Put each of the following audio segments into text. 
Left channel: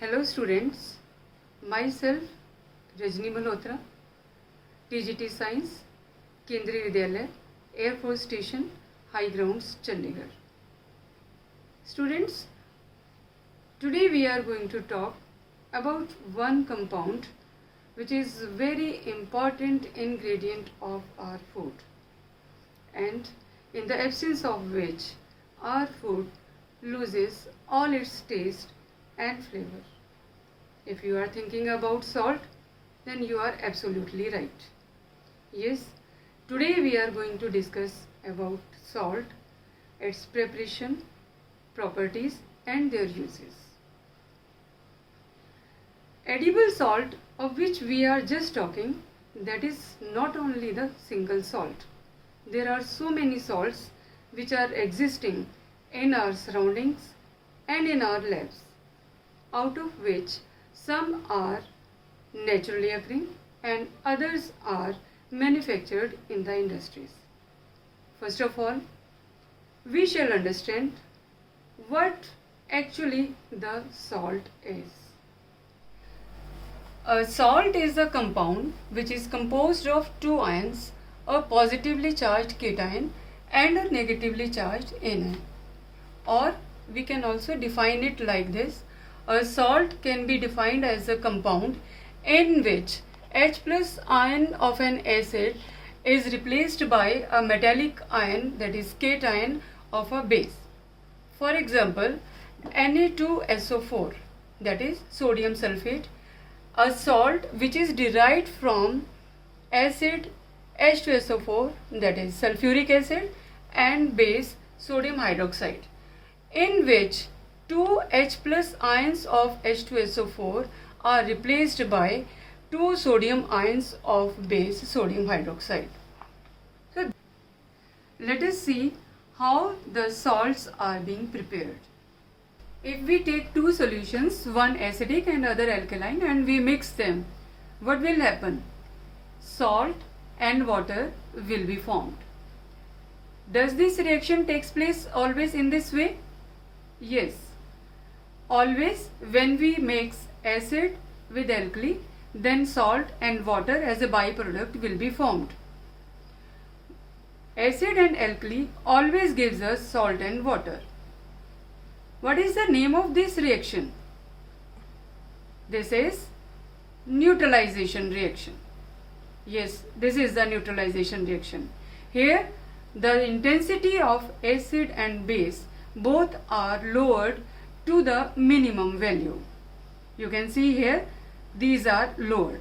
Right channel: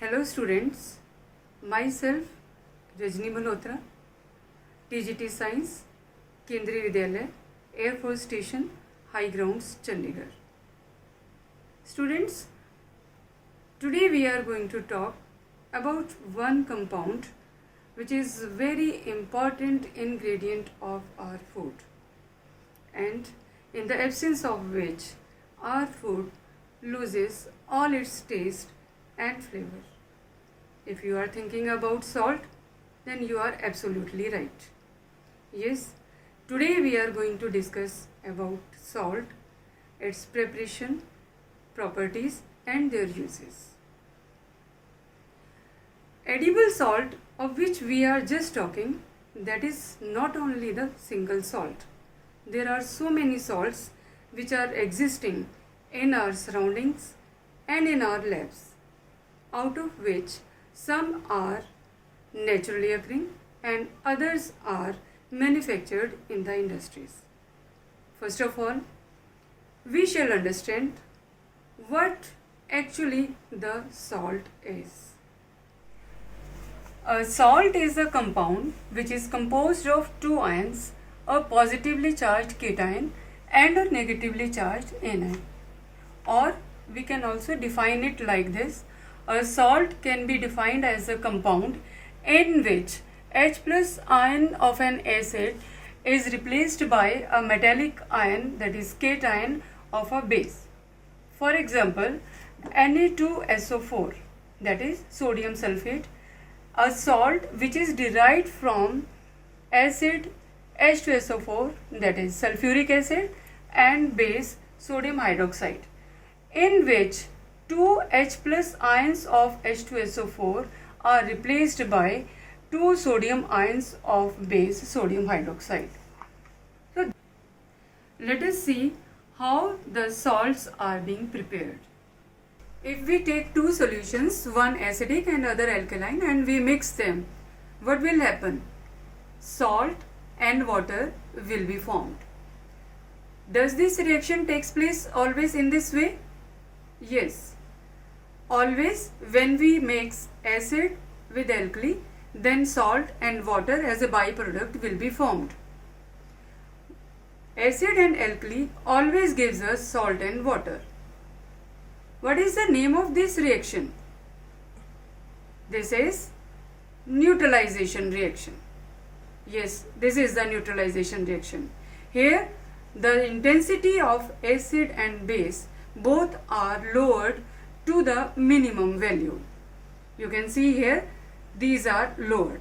Hello students, myself Rajni Malhotra, TGT Science, Kendriya Vidyalaya, Air Force Station, High Grounds, Chandigarh. Students, today we are going to talk about one compound which is very important ingredient of our food, and in the absence of which our food loses all its taste and flavor. If you are thinking about salt, then you are absolutely right. Yes, today we are going to discuss about salt, its preparation, properties and their uses. Edible salt, of which we are just talking, that is not only the single salt. There are so many salts which are existing in our surroundings and in our labs, out of which some are naturally occurring and others are manufactured in the industries. First of all, we shall understand what actually the salt is. A salt is a compound which is composed of two ions, a positively charged cation and a negatively charged anion. Or we can also define it like this. A salt can be defined as a compound in which H plus ion of an acid is replaced by a metallic ion, that is cation of a base. For example, Na2SO4, that is sodium sulfate, a salt which is derived from acid H2SO4, that is sulfuric acid, and base sodium hydroxide, in which two H plus ions of H2SO4 are replaced by two sodium ions of base sodium hydroxide. So let us see how the salts are being prepared. If we take two solutions, one acidic and other alkaline, and we mix them, what will happen? Salt and water will be formed. Does this reaction takes place always in this way? Yes. Always when we mix acid with alkali, then salt and water as a byproduct will be formed. Acid and alkali always gives us salt and water. What is the name of this reaction? This is neutralization reaction. Yes, this is the neutralization reaction. Here the intensity of acid and base both are lowered to the minimum value. You can see here these are lowered.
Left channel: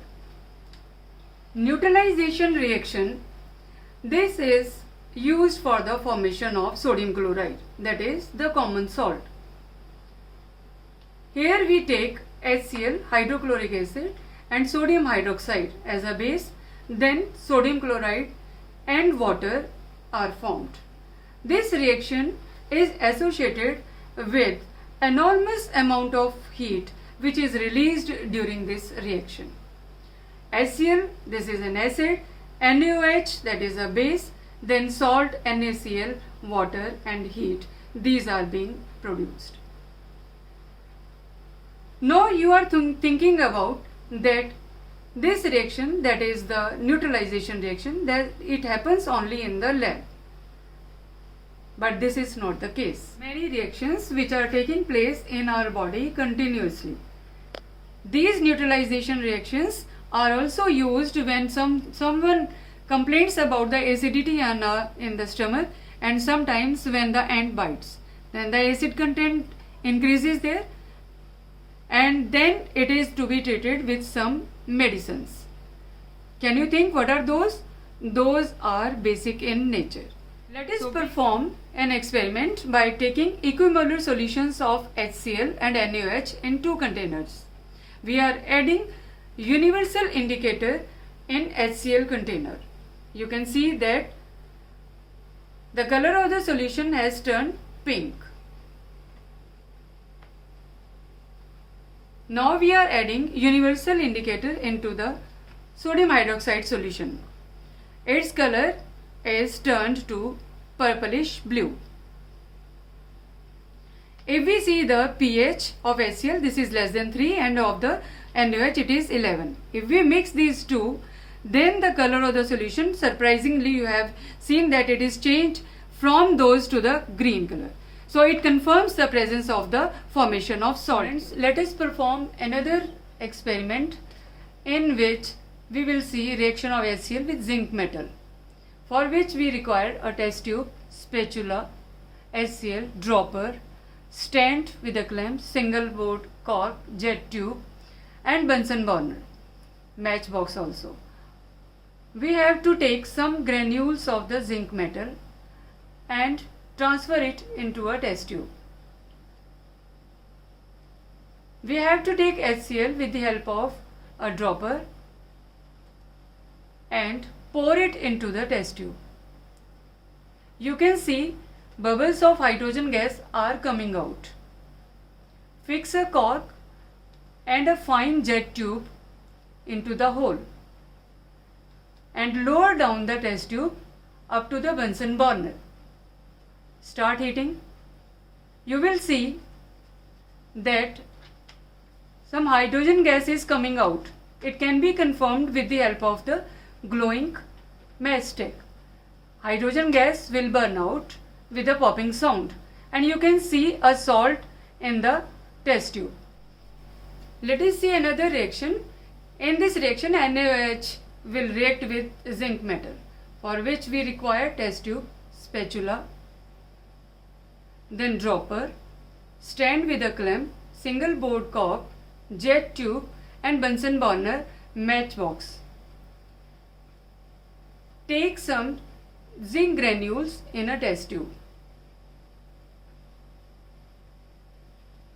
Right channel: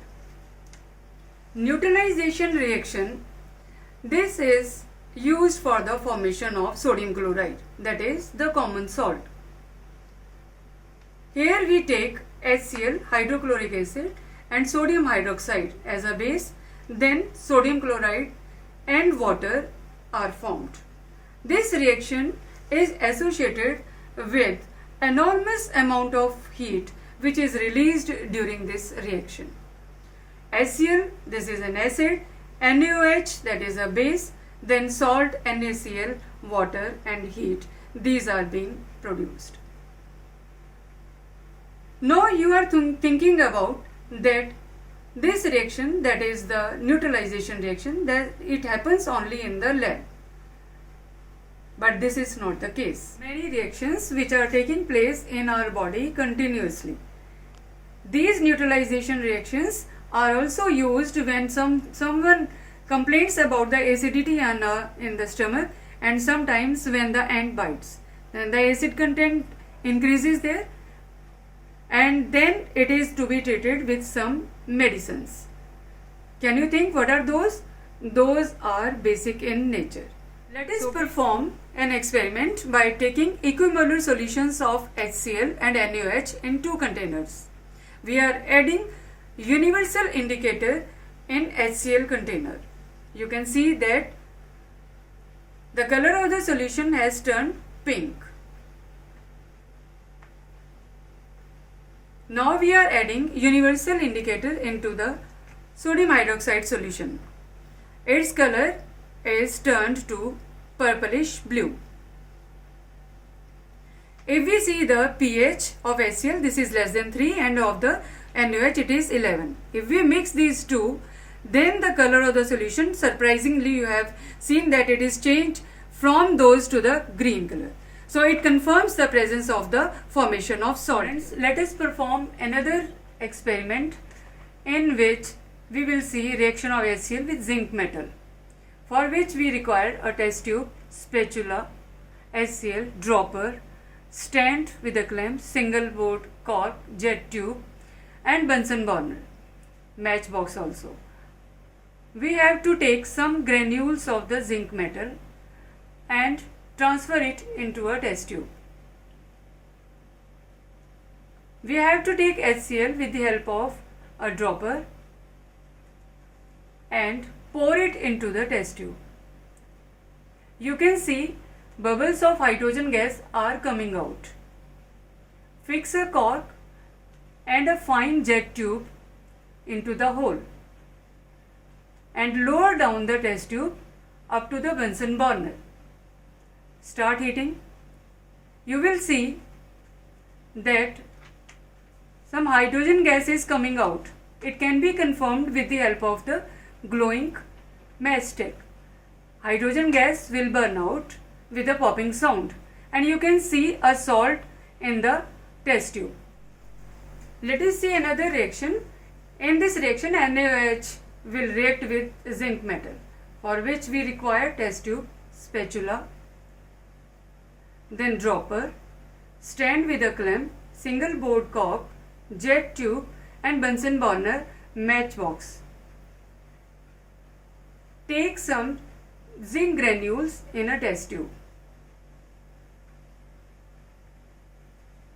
Neutralization reaction, this is used for the formation of sodium chloride, that is the common salt. Here we take HCl, hydrochloric acid, and sodium hydroxide as a base, then sodium chloride and water are formed. This reaction is associated with enormous amount of heat which is released during this reaction. HCl, this is an acid, NaOH, that is a base, then salt, NaCl, water and heat. These are being produced. Now you are thinking about that this reaction, that is the neutralization reaction, that it happens only in the lab. But this is not the case. Many reactions which are taking place in our body continuously. These neutralization reactions are also used when someone complains about the acidity in the stomach, and sometimes when the ant bites. Then the acid content increases there, and then it is to be treated with some medicines. Can you think what are those? Those are basic in nature. Let us perform an experiment by taking equimolar solutions of HCl and NaOH in two containers. We are adding universal indicator in HCl container. You can see that the color of the solution has turned pink. Now we are adding universal indicator into the sodium hydroxide solution. Its color is turned to purplish blue. If we see the pH of HCl, this is less than 3, and of the NaOH it is 11. If we mix these two, then the color of the solution, surprisingly you have seen that it is changed from those to the green color. So it confirms the presence of the formation of solvents. Let us perform another experiment in which we will see reaction of HCl with zinc metal, for which we require a test tube, spatula, HCl, dropper, stand with a clamp, single board cork, jet tube, and Bunsen burner, matchbox also. We have to take some granules of the zinc metal and transfer it into a test tube. We have to take HCl with the help of a dropper and pour it into the test tube. You can see bubbles of hydrogen gas are coming out. Fix a cork and a fine jet tube into the hole and lower down the test tube up to the Bunsen burner. Start heating. You will see that some hydrogen gas is coming out. It can be confirmed with the help of the glowing matchstick. Hydrogen gas will burn out with a popping sound, and you can see a salt in the test tube. Let us see another reaction. In this reaction, NaOH will react with zinc metal, for which we require test tube, spatula, then dropper, stand with a clamp, single board cork, jet tube, and Bunsen burner matchbox. Take some zinc granules in a test tube.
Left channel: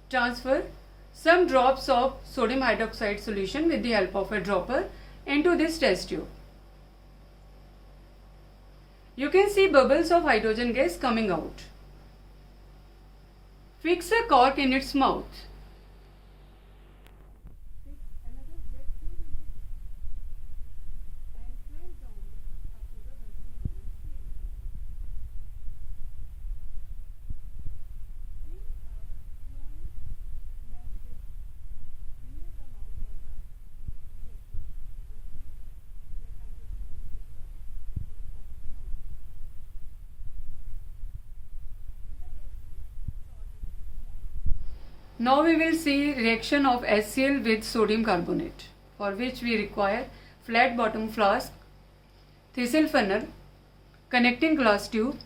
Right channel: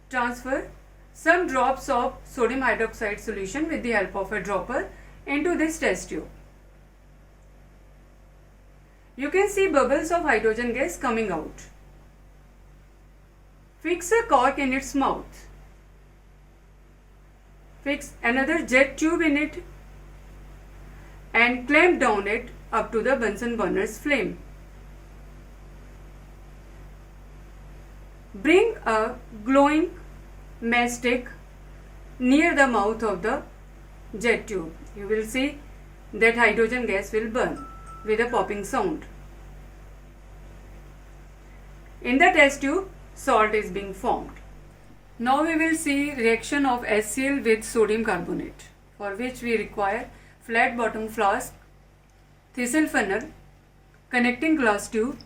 Transfer some drops of sodium hydroxide solution with the help of a dropper into this test tube. You can see bubbles of hydrogen gas coming out. Fix a cork in its mouth. Fix another jet tube in it and clamp down it up to the Bunsen burner's flame. Bring a glowing matchstick near the mouth of the jet tube. You will see that hydrogen gas will burn with a popping sound. In the test tube, salt is being formed. Now we will see reaction of HCl with sodium carbonate, for which we require flat bottom flask, thistle funnel, connecting glass tube,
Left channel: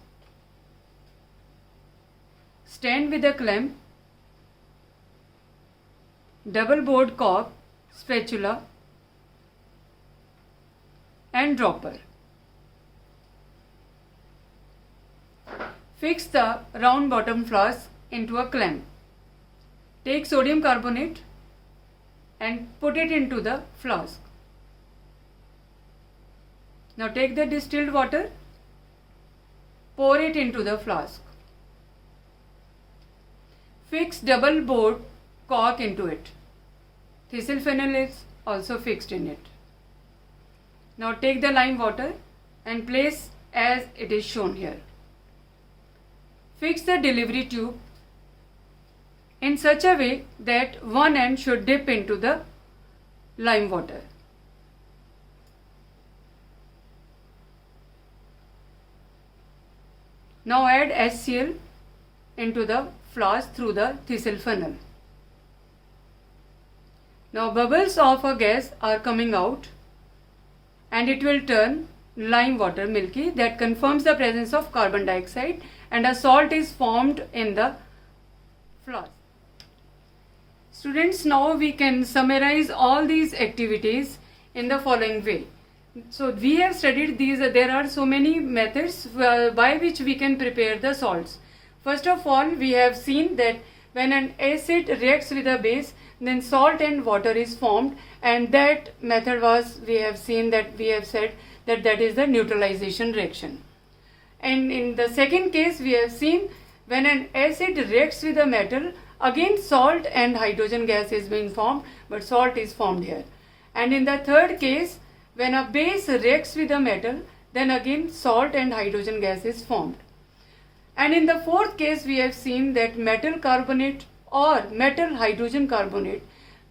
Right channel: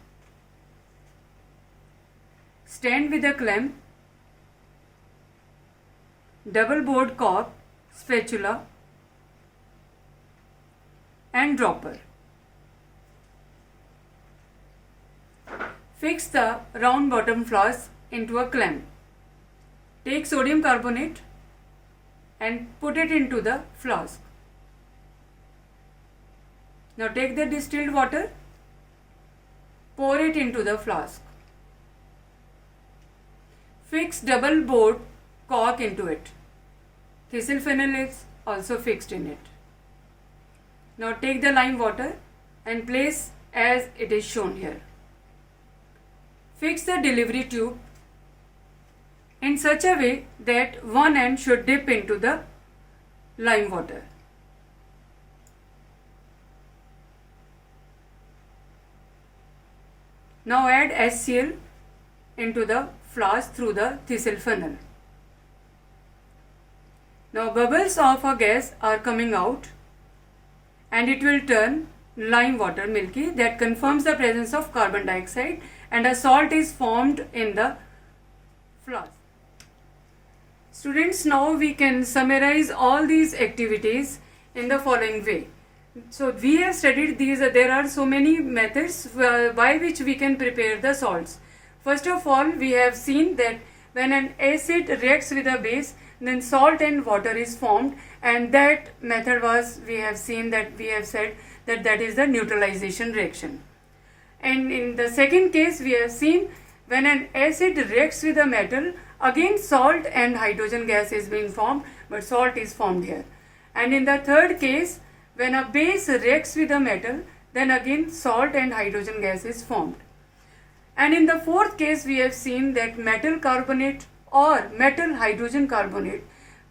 stand with a clamp, double board cork, spatula, and dropper. Fix the round bottom flask into a clamp. Take sodium carbonate and put it into the flask. Now take the distilled water, pour it into the flask. Fix double board cork into it. Thistle funnel is also fixed in it. Now take the lime water and place as it is shown here. Fix the delivery tube in such a way that one end should dip into the lime water. Now add HCl into the flask through the thistle funnel. Now bubbles of a gas are coming out and it will turn lime water milky. That confirms the presence of carbon dioxide, and a salt is formed in the flask. Students, now we can summarize all these activities in the following way. So we have studied these. There are so many methods by which we can prepare the salts. First of all, we have seen that when an acid reacts with a base, then salt and water is formed, and that method was, we have said that is the neutralization reaction. And in the second case, we have seen when an acid reacts with a metal, again salt and hydrogen gas is being formed, but salt is formed here. And in the third case, when a base reacts with a metal, then again salt and hydrogen gas is formed. And in the fourth case, we have seen that metal carbonate or metal hydrogen carbonate,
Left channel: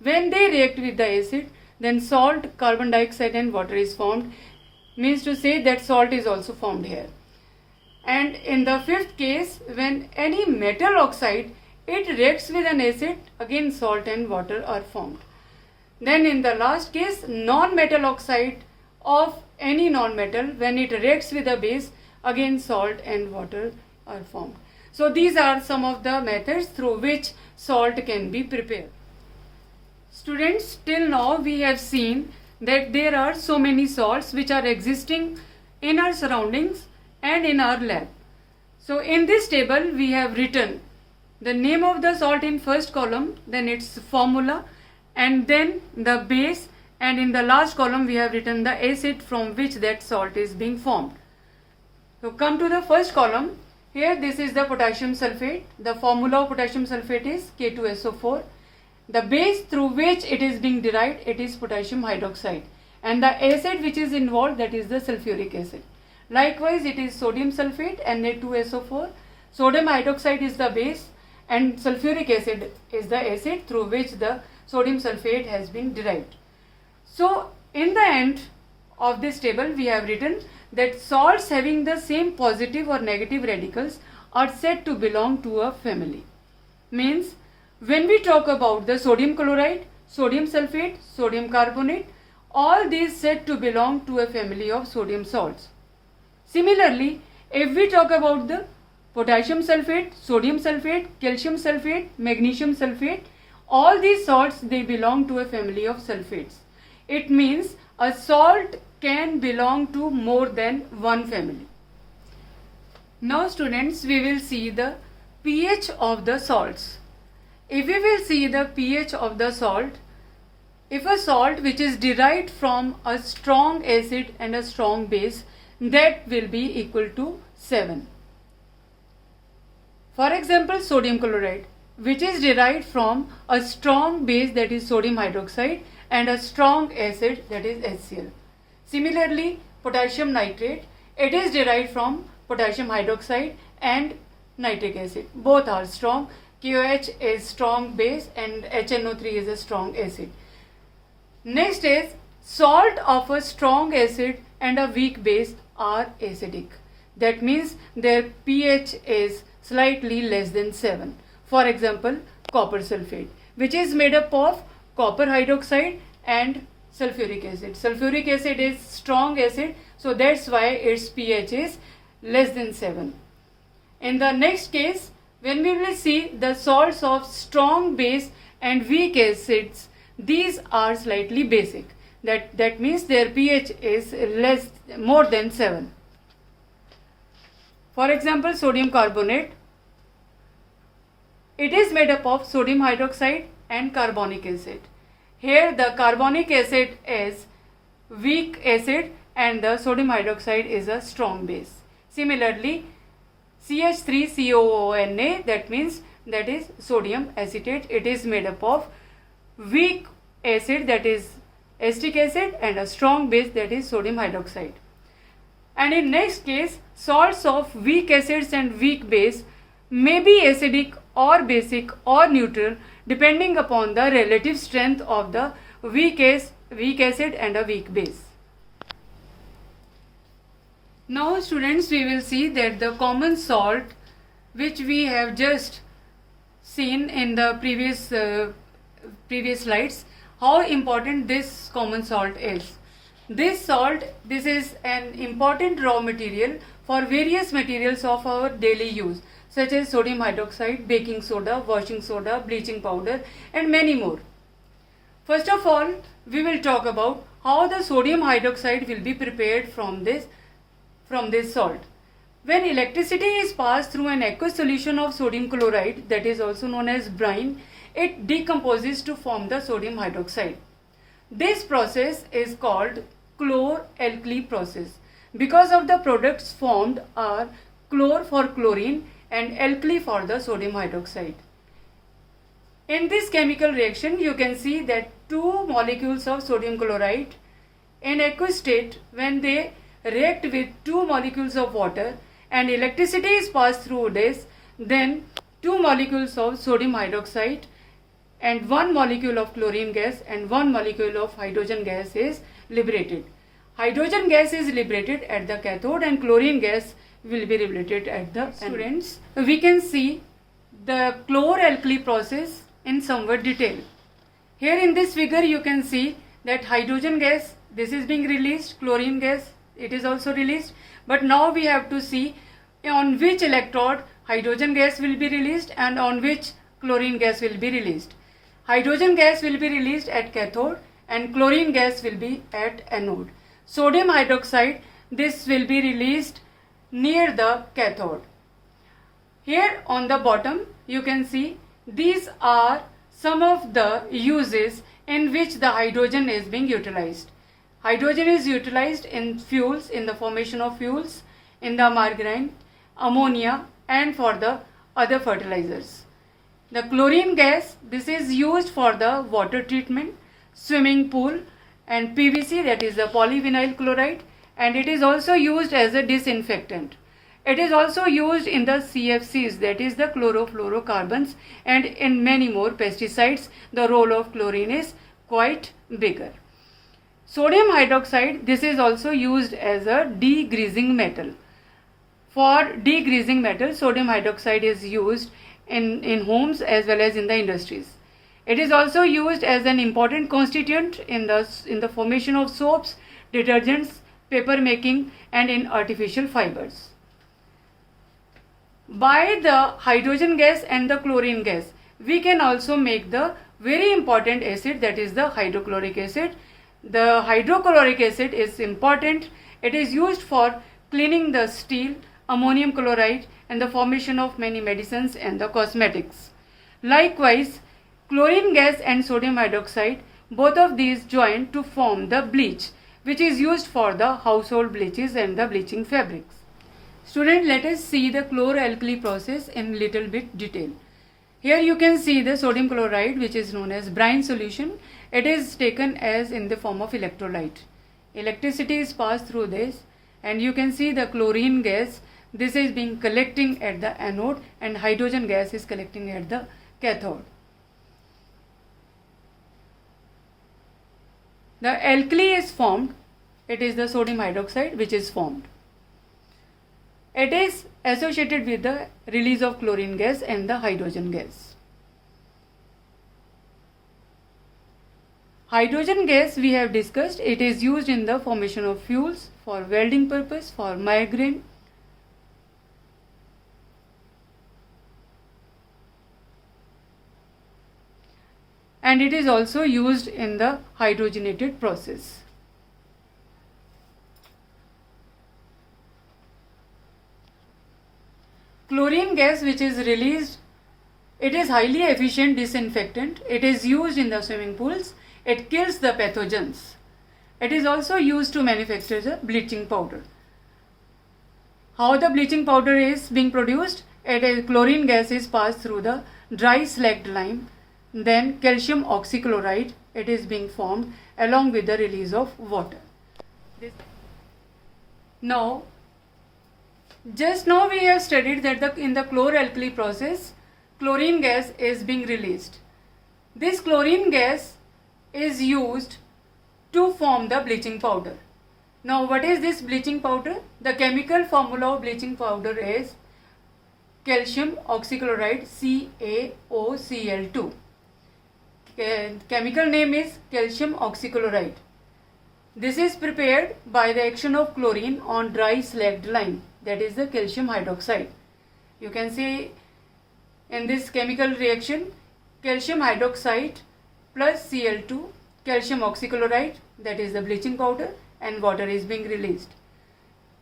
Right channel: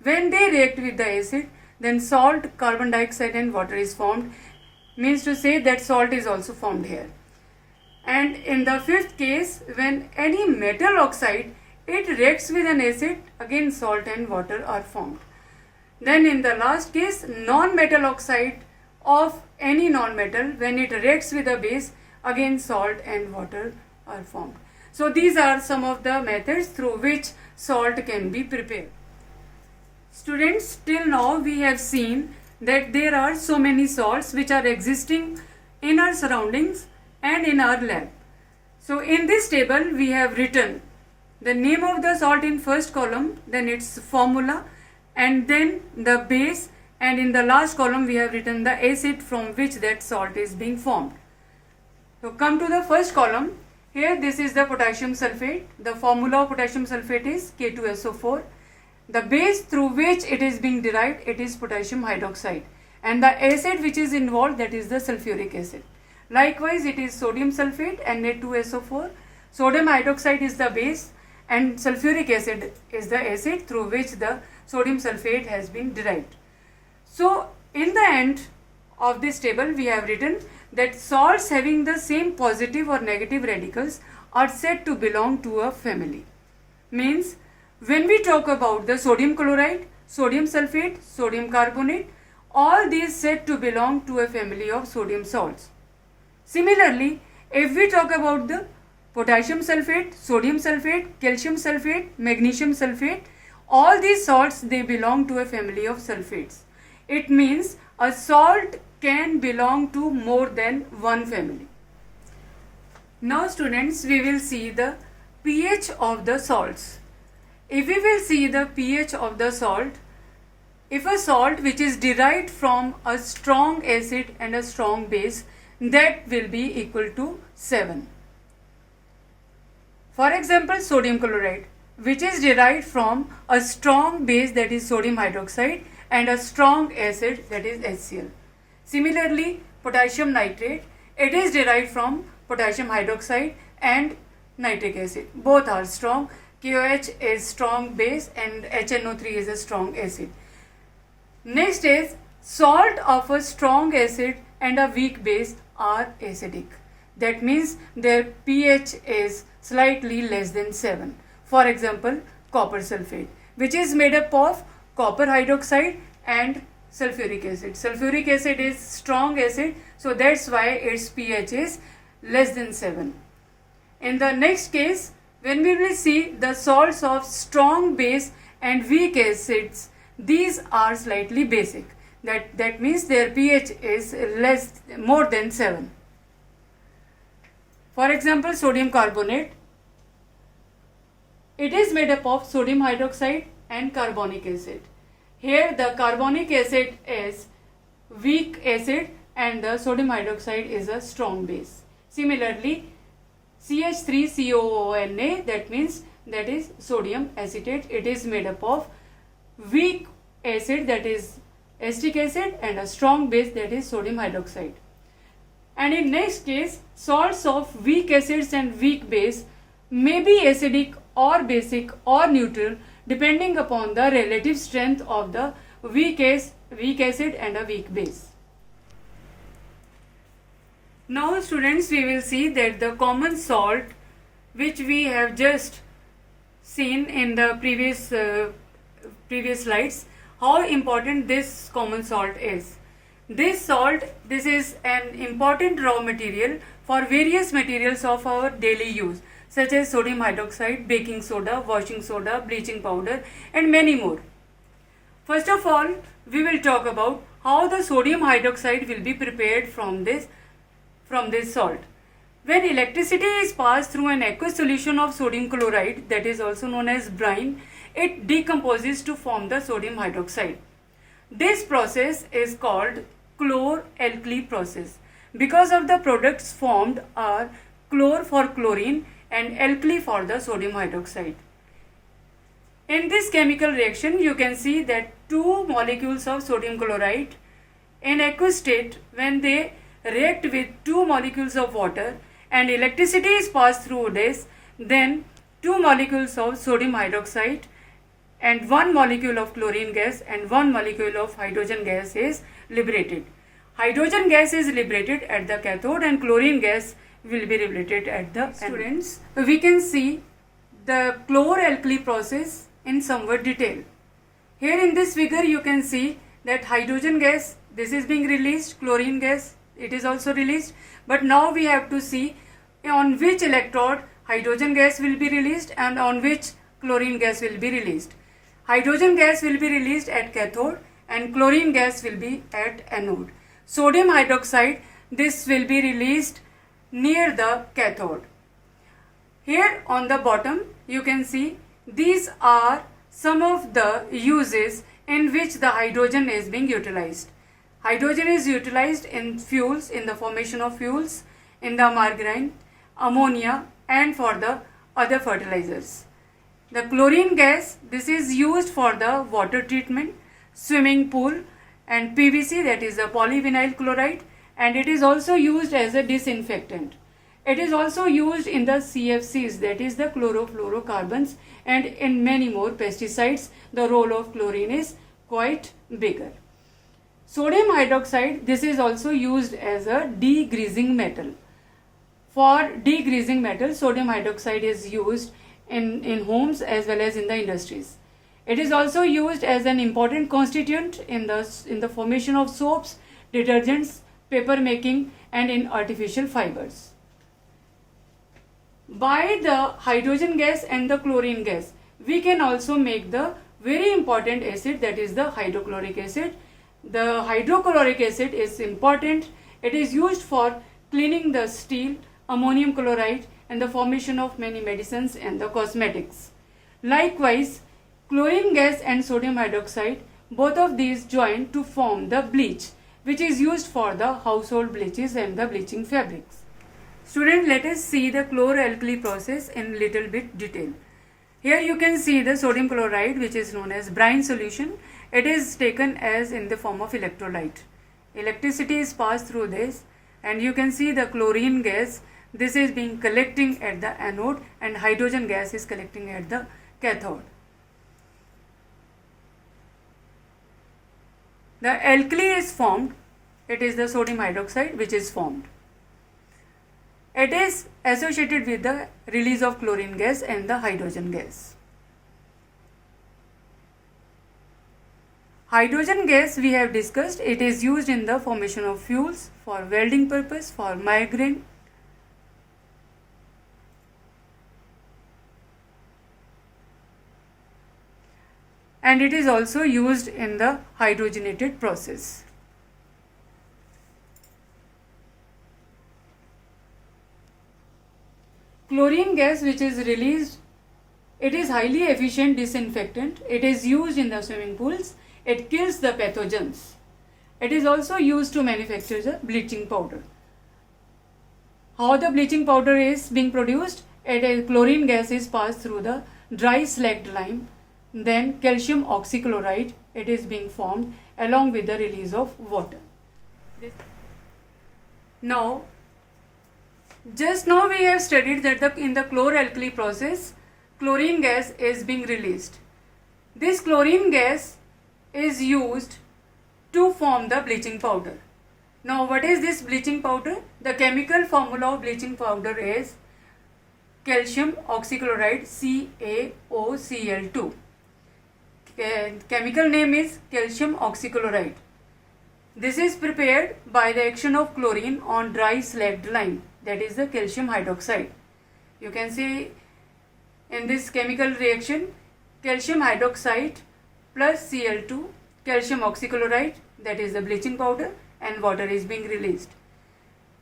when they react with the acid, then salt, carbon dioxide and water is formed. Means to say that salt is also formed here. And in the fifth case, when any metal oxide, it reacts with an acid, again salt and water are formed. Then in the last case, non-metal oxide of any non-metal, when it reacts with a base, again salt and water are formed. So these are some of the methods through which salt can be prepared. Students, till now we have seen that there are so many salts which are existing in our surroundings and in our lab. So in this table we have written the name of the salt in first column, then its formula, and then the base, and in the last column we have written the acid from which that salt is being formed. So come to the first column. Here this is the potassium sulfate. The formula of potassium sulfate is K2SO4. The base through which it is being derived, it is potassium hydroxide, and the acid which is involved, that is the sulfuric acid. Likewise, it is sodium sulfate, Na2SO4. Sodium hydroxide is the base and sulfuric acid is the acid through which the sodium sulfate has been derived. So in the end of this table we have written that salts having the same positive or negative radicals are said to belong to a family. Means when we talk about the sodium chloride, sodium sulfate, sodium carbonate, all these said to belong to a family of sodium salts. Similarly, if we talk about the potassium sulfate, sodium sulfate, calcium sulfate, magnesium sulfate, all these salts, they belong to a family of sulfates. It means a salt can belong to more than one family. Now students, we will see the pH of the salts. If we will see the pH of the salt, if a salt which is derived from a strong acid and a strong base, that will be equal to 7. For example, sodium chloride, which is derived from a strong base, that is sodium hydroxide, and a strong acid, that is HCl. Similarly, potassium nitrate, it is derived from potassium hydroxide and nitric acid. Both are strong. KOH is strong base and HNO3 is a strong acid. Next is salt of a strong acid and a weak base are acidic. That means their pH is slightly less than 7. For example, copper sulfate, which is made up of copper hydroxide and sulfuric acid. Sulfuric acid is strong acid, so that's why its pH is less than 7. In the next case, when we will see the salts of strong base and weak acids, these are slightly basic. That means their pH is more than 7. For example, sodium carbonate, it is made up of sodium hydroxide and carbonic acid. Here the carbonic acid is weak acid and the sodium hydroxide is a strong base. Similarly, CH3COONA, that means that is sodium acetate, it is made up of weak acid, that is acetic acid, and a strong base, that is sodium hydroxide. And in next case, salts of weak acids and weak base may be acidic or basic or neutral depending upon the relative strength of the weak acid and a weak base. Now students, we will see that the common salt which we have just seen in the previous slides, how important this common salt is. This salt, this is an important raw material for various materials of our daily use, such as sodium hydroxide, baking soda, washing soda, bleaching powder, and many more. First of all, we will talk about how the sodium hydroxide will be prepared from this salt. When electricity is passed through an aqueous solution of sodium chloride, that is also known as brine, it decomposes to form the sodium hydroxide. This process is called chlor-alkali process because of the products formed are chlor for chlorine and alkali for the sodium hydroxide. In this chemical reaction, you can see that two molecules of sodium chloride in aqueous state, when they react with two molecules of water, and electricity is passed through this, then two molecules of sodium hydroxide and one molecule of chlorine gas and one molecule of hydrogen gas is liberated. Hydrogen gas is liberated at the cathode and chlorine gas will be liberated at the anode. Students, we can see the chlor-alkali process in somewhat detail. Here in this figure you can see that hydrogen gas, this is being released, chlorine gas, it is also released, but now we have to see on which electrode hydrogen gas will be released and on which chlorine gas will be released. Hydrogen gas will be released at cathode and chlorine gas will be at anode. Sodium hydroxide, this will be released near the cathode. Here on the bottom you can see these are some of the uses in which the hydrogen is being utilized. Hydrogen is utilized in fuels, in the formation of fuels, in the margarine, ammonia and for the other fertilizers. The chlorine gas, this is used for the water treatment, swimming pool and PVC, that is the polyvinyl chloride, and it is also used as a disinfectant. It is also used in the CFCs, that is the chlorofluorocarbons, and in many more pesticides the role of chlorine is quite bigger. Sodium hydroxide, this is also used as a degreasing metal. For degreasing metal, sodium hydroxide is used in homes as well as in the industries. It is also used as an important constituent in the formation of soaps, detergents, paper making and in artificial fibers. By the hydrogen gas and the chlorine gas, we can also make the very important acid, that is the hydrochloric acid. The hydrochloric acid is important. It is used for cleaning the steel, ammonium chloride and the formation of many medicines and the cosmetics. Likewise, chlorine gas and sodium hydroxide, both of these join to form the bleach, which is used for the household bleaches and the bleaching fabrics. Student, let us see the chlor-alkali process in little bit detail. Here you can see the sodium chloride, which is known as brine solution. It is taken as in the form of electrolyte. Electricity is passed through this and you can see the chlorine gas. This is being collecting at the anode and hydrogen gas is collecting at the cathode. The alkali is formed. It is the sodium hydroxide which is formed. It is associated with the release of chlorine gas and the hydrogen gas. Hydrogen gas we have discussed. It is used in the formation of fuels, for welding purpose, for migraine. And it is also used in the hydrogenated process. Chlorine gas which is released, it is highly efficient disinfectant. It is used in the swimming pools. It kills the pathogens. It is also used to manufacture the bleaching powder. How the bleaching powder is being produced? Chlorine gas is passed through the dry slacked lime. Then calcium oxychloride, it is being formed along with the release of water. Now, just now we have studied that in the chlor-alkali process, chlorine gas is being released. This chlorine gas is used to form the bleaching powder. Now, what is this bleaching powder? The chemical formula of bleaching powder is calcium oxychloride, CaOCl2. Chemical name is calcium oxychloride. This is prepared by the action of chlorine on dry slacked lime, that is the calcium hydroxide. You can see in this chemical reaction calcium hydroxide plus Cl2, calcium oxychloride, that is the bleaching powder, and water is being released.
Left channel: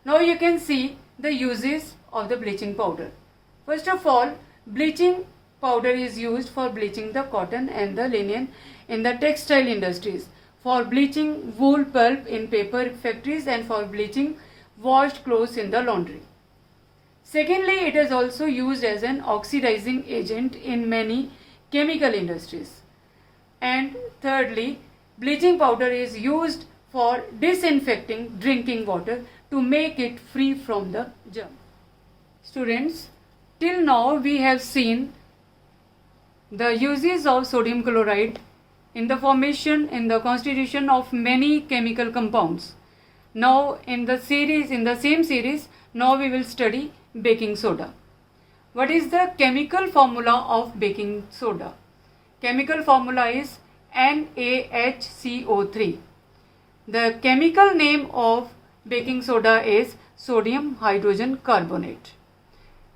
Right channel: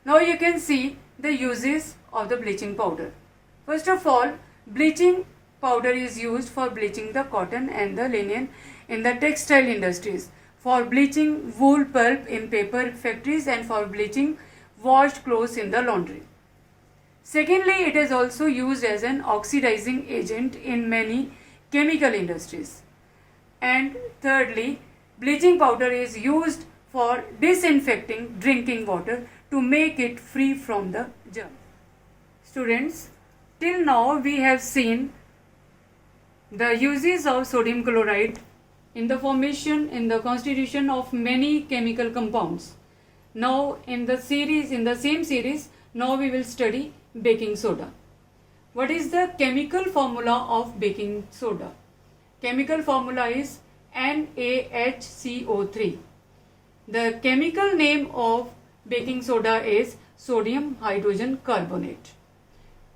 Now you can see the uses of the bleaching powder. First of all, bleaching powder is used for bleaching the cotton and the linen in the textile industries, for bleaching wool pulp in paper factories, and for bleaching washed clothes in the laundry. Secondly, it is also used as an oxidizing agent in many chemical industries. And thirdly, bleaching powder is used for disinfecting drinking water to make it free from the germs. Students, till now we have seen the uses of sodium chloride in the formation, in the constitution of many chemical compounds. Now in the same series, now we will study baking soda. What is the chemical formula of baking soda? Chemical formula is NaHCO3. The chemical name of baking soda is sodium hydrogen carbonate.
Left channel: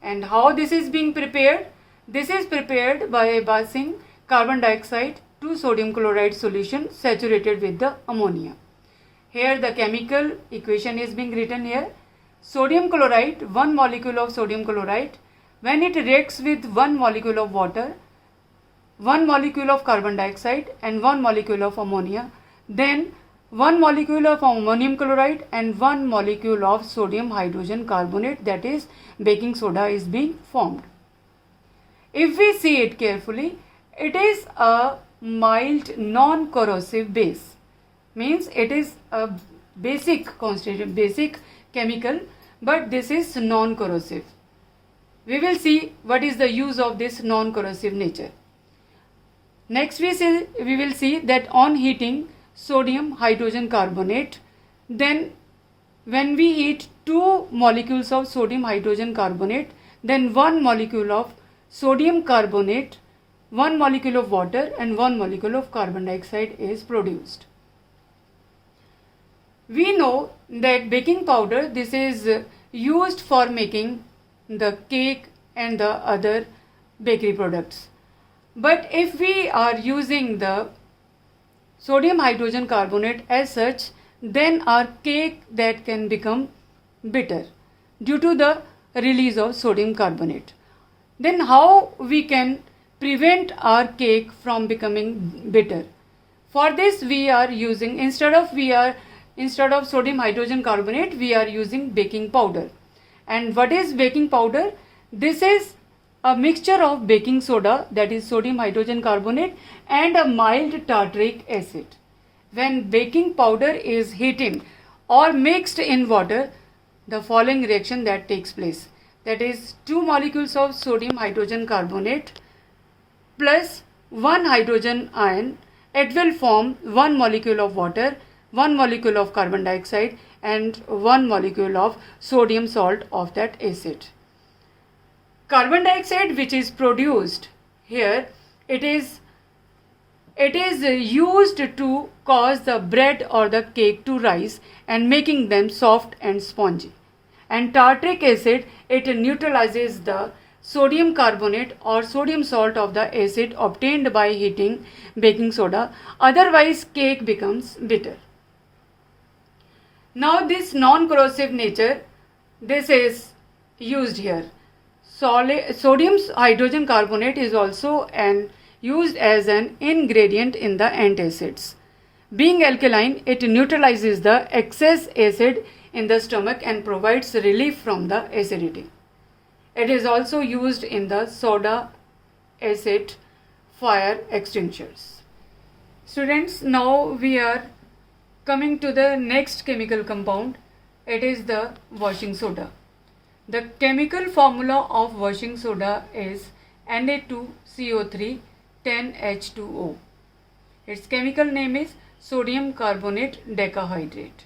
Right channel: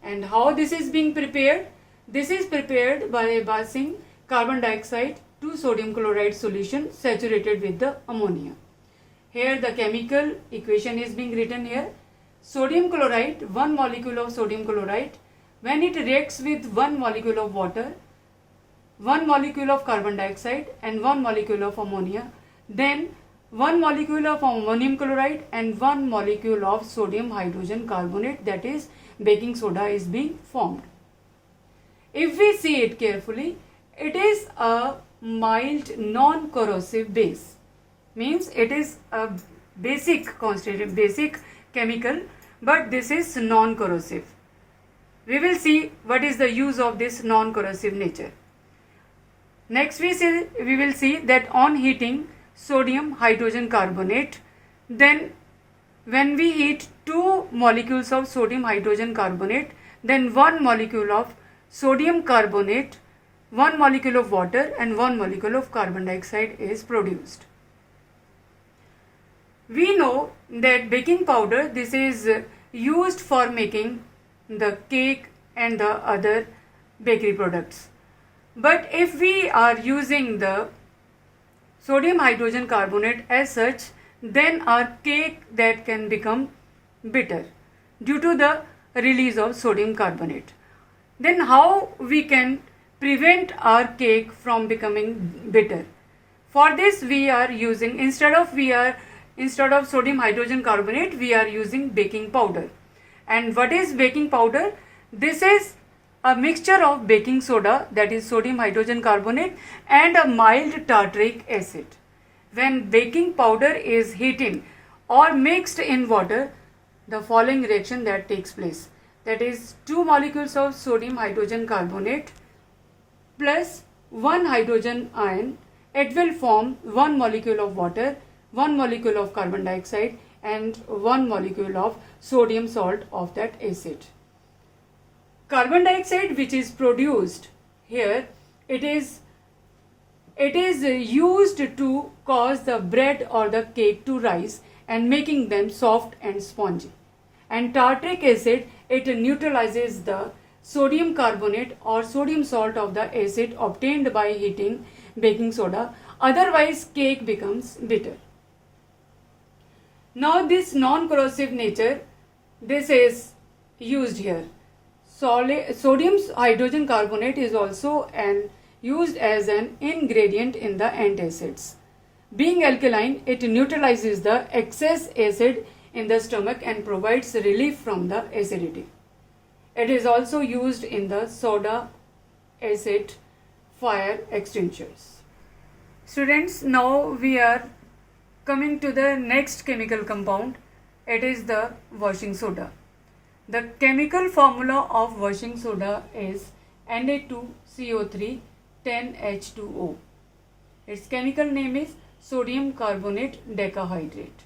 And how this is being prepared? This is prepared by passing carbon dioxide to sodium chloride solution saturated with the ammonia. Here the chemical equation is being written here. Sodium chloride, one molecule of sodium chloride, when it reacts with one molecule of water, one molecule of carbon dioxide and one molecule of ammonia, then one molecule of ammonium chloride and one molecule of sodium hydrogen carbonate, that is baking soda, is being formed. If we see it carefully, it is a mild non-corrosive base. Means it is a basic constituent, basic chemical, but this is non-corrosive. We will see what is the use of this non-corrosive nature. Next we will see that on heating sodium hydrogen carbonate, then when we heat two molecules of sodium hydrogen carbonate, then one molecule of sodium carbonate, one molecule of water and one molecule of carbon dioxide is produced. We know that baking powder, this is used for making the cake and the other bakery products. But if we are using the sodium hydrogen carbonate as such, then our cake that can become bitter due to the release of sodium carbonate. Then how we can prevent our cake from becoming bitter? For this we are using, instead of sodium hydrogen carbonate, we are using baking powder. And what is baking powder? This is a mixture of baking soda, that is sodium hydrogen carbonate, and a mild tartaric acid. When baking powder is heated or mixed in water, the following reaction that takes place. That is, two molecules of sodium hydrogen carbonate plus one hydrogen ion, it will form one molecule of water, one molecule of carbon dioxide and one molecule of sodium salt of that acid. Carbon dioxide which is produced here, it is used to cause the bread or the cake to rise and making them soft and spongy. And tartaric acid, it neutralizes the sodium carbonate or sodium salt of the acid obtained by heating baking soda, otherwise cake becomes bitter. Now this non-corrosive nature, this is used here. Sodium hydrogen carbonate is also used as an ingredient in the antacids. Being alkaline, it neutralizes the excess acid in the stomach and provides relief from the acidity. It is also used in the soda acid fire extinguishers. Students, now we are coming to the next chemical compound. It is the washing soda. The chemical formula of washing soda is Na2CO3 10H2O. Its chemical name is sodium carbonate decahydrate.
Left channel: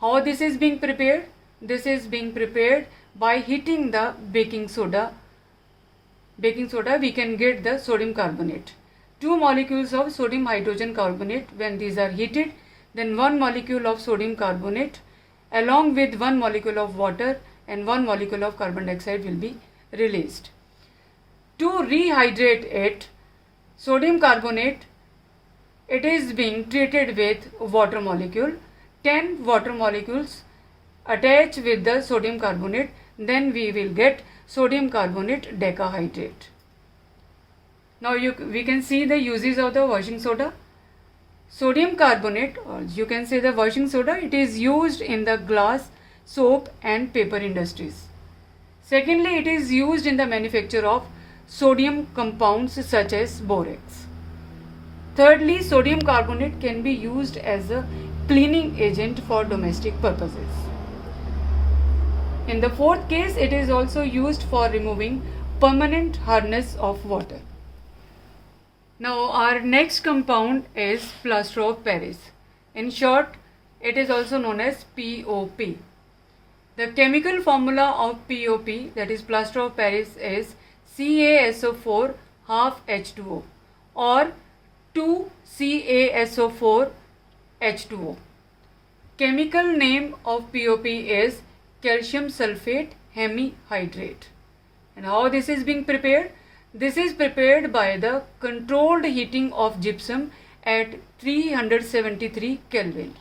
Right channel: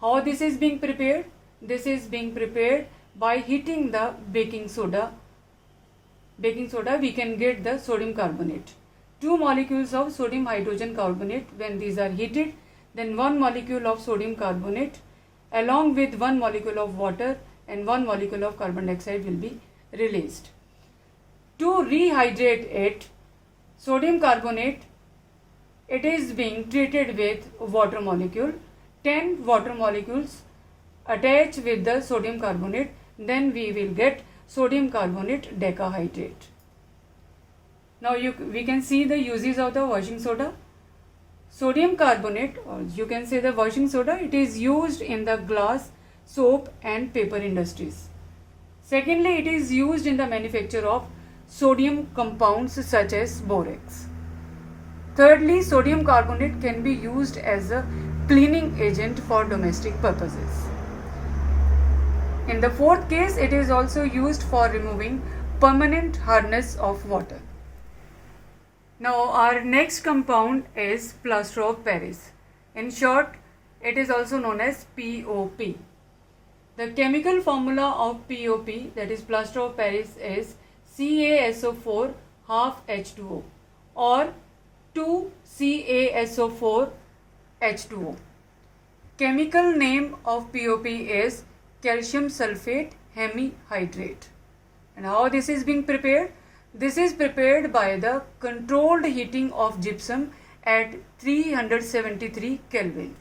How this is being prepared? This is being prepared by heating the baking soda. Baking soda, we can get the sodium carbonate. Two molecules of sodium hydrogen carbonate, when these are heated, then one molecule of sodium carbonate along with one molecule of water and one molecule of carbon dioxide will be released. To rehydrate it, sodium carbonate, it is being treated with water molecule. 10 water molecules attach with the sodium carbonate, then we will get sodium carbonate decahydrate. Now we can see the uses of the washing soda. Sodium carbonate, or you can say the washing soda, it is used in the glass, soap and paper industries. Secondly, it is used in the manufacture of sodium compounds such as borax. Thirdly, sodium carbonate can be used as a cleaning agent for domestic purposes. In the fourth case, it is also used for removing permanent hardness of water. Now our next compound is plaster of Paris. In short, it is also known as POP. The chemical formula of POP, that is plaster of Paris, is CaSO4 half H2O or 2CaSO4 H2O. Chemical name of POP is calcium sulfate hemihydrate. And how this is being prepared? This is prepared by the controlled heating of gypsum at 373 Kelvin.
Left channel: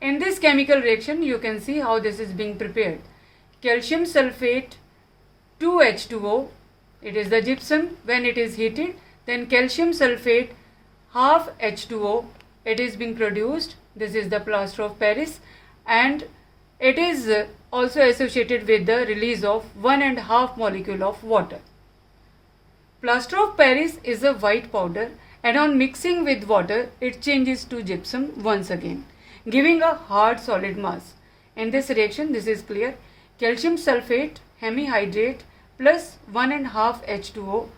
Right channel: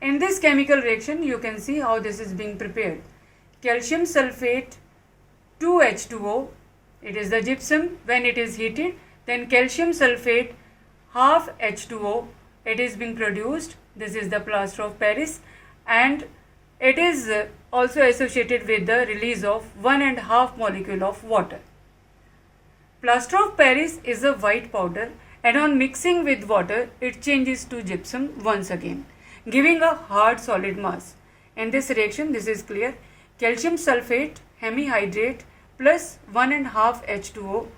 In this chemical reaction, you can see how this is being prepared. Calcium sulfate 2H2O, it is the gypsum. When it is heated, then calcium sulfate half H2O, it is being produced. This is the plaster of Paris, and it is also associated with the release of 1.5 molecule of water. Plaster of Paris is a white powder, and on mixing with water, it changes to gypsum once again, giving a hard solid mass. In this reaction, this is clear. Calcium sulfate hemihydrate plus 1.5 H2O,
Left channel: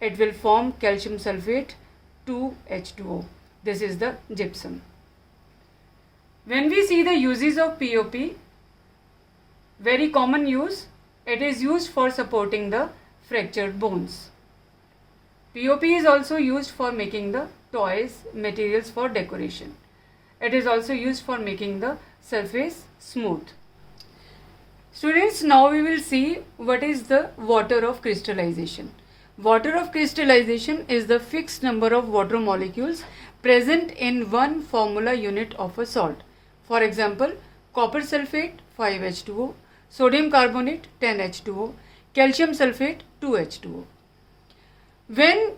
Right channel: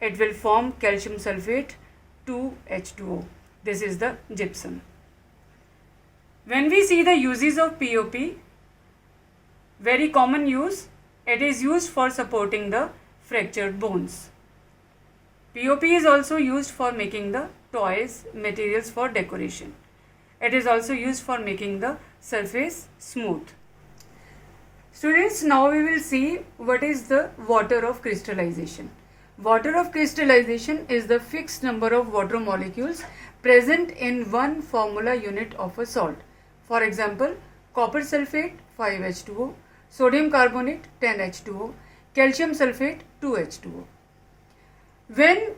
it will form calcium sulfate 2H2O. This is the gypsum. When we see the uses of POP, very common use, it is used for supporting the fractured bones. POP is also used for making the toys, materials for decoration. It is also used for making the surface smooth. Students, now we will see what is the water of crystallization. Water of crystallization is the fixed number of water molecules present in one formula unit of a salt. For example, copper sulfate 5H2O, sodium carbonate 10H2O, calcium sulfate 2H2O. When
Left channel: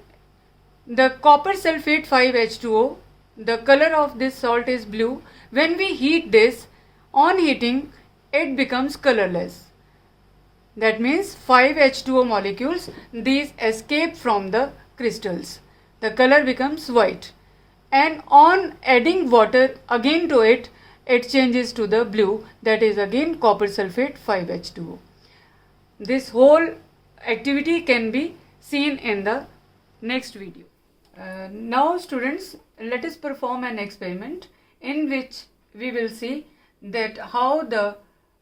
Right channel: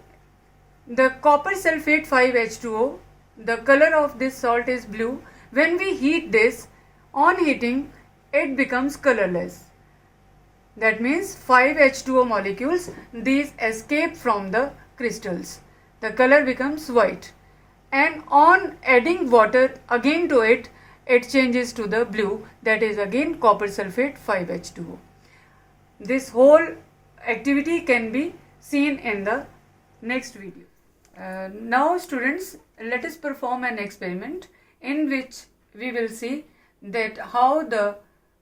the copper sulfate 5H2O, the color of this salt is blue. When we heat this, on heating, it becomes colorless. That means 5H2O molecules, these escape from the crystals. The color becomes white. And on adding water again to it, it changes to the blue, that is again copper sulfate 5H2O. This whole activity can be seen in the next video. Now students, let us perform an experiment in which we will see that how the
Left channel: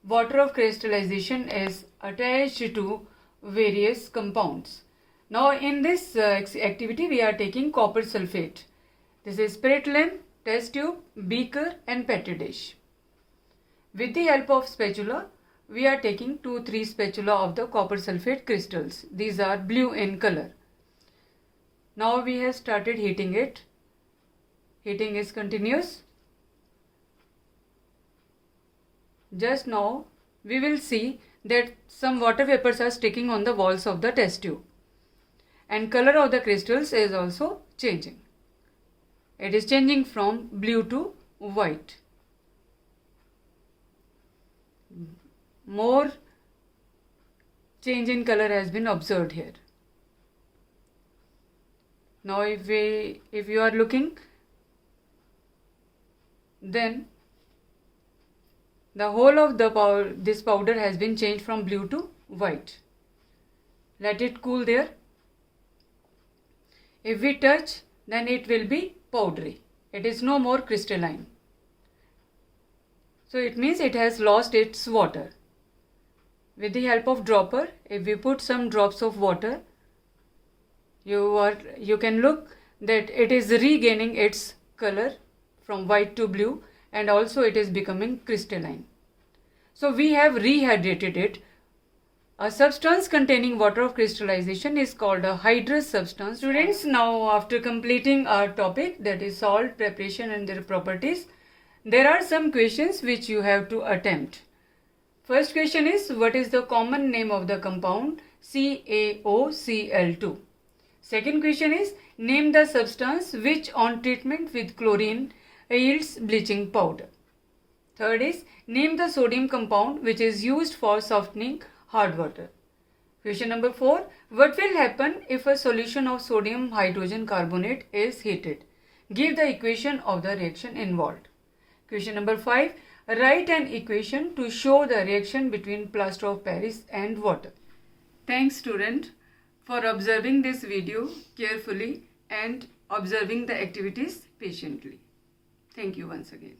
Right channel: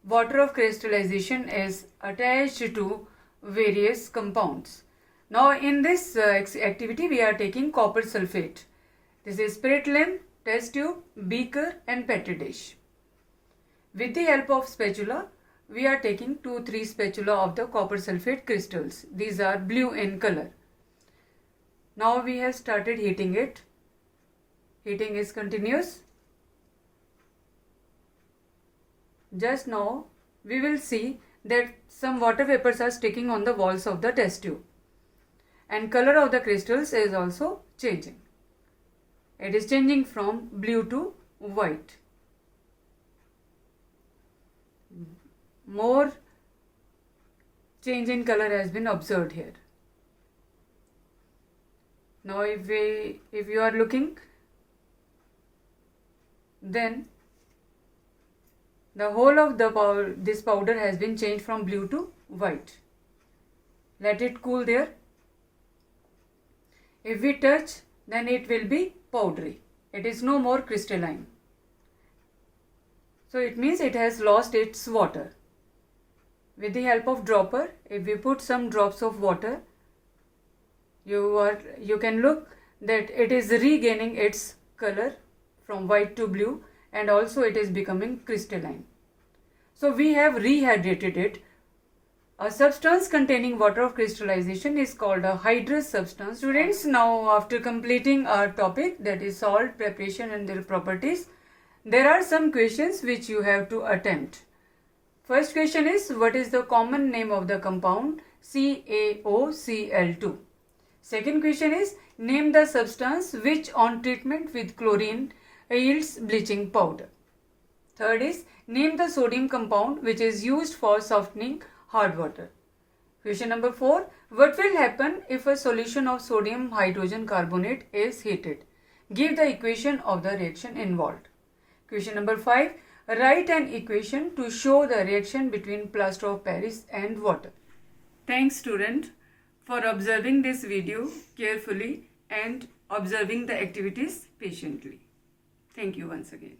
water of crystallization is attached to various compounds. Now in this activity we are taking copper sulfate. This is spirit lamp, test tube, beaker and petri dish. With the help of spatula, we are taking 2-3 spatula of the copper sulfate crystals. These are blue in color. Now we have started heating it. Heating is continuous. Just now we will see that some water vapors are sticking on the walls of the test tube. And color of the crystals is also changing. It is changing from blue to white. More change in color has been observed here. Now if you are looking, then the whole of this powder has been changed from blue to white. Let it cool there. If we touch, then it will be powdery. It is no more crystalline. So it means it has lost its water. With the help of dropper, if we put some drops of water, you can look that it is regaining its color from white to blue, and also it is becoming crystalline. So we have rehydrated it. A substance containing water of crystallization is called a hydrous substance. Students, now after completing our topic, that is salt preparation and their properties, there are some questions which you have to attempt. First question is, what is the common name of the compound CaOCl2? Second question is, name the substance which on treatment with chlorine yields bleaching powder. Third is, name the sodium compound which is used for softening hard water. Question number 4, what will happen if a solution of sodium hydrogen carbonate is heated? Give the equation of the reaction involved. Question number 5, write an equation to show the reaction between plaster of Paris and water. Thanks student for observing this video carefully and observing the activities patiently. Thank you once again.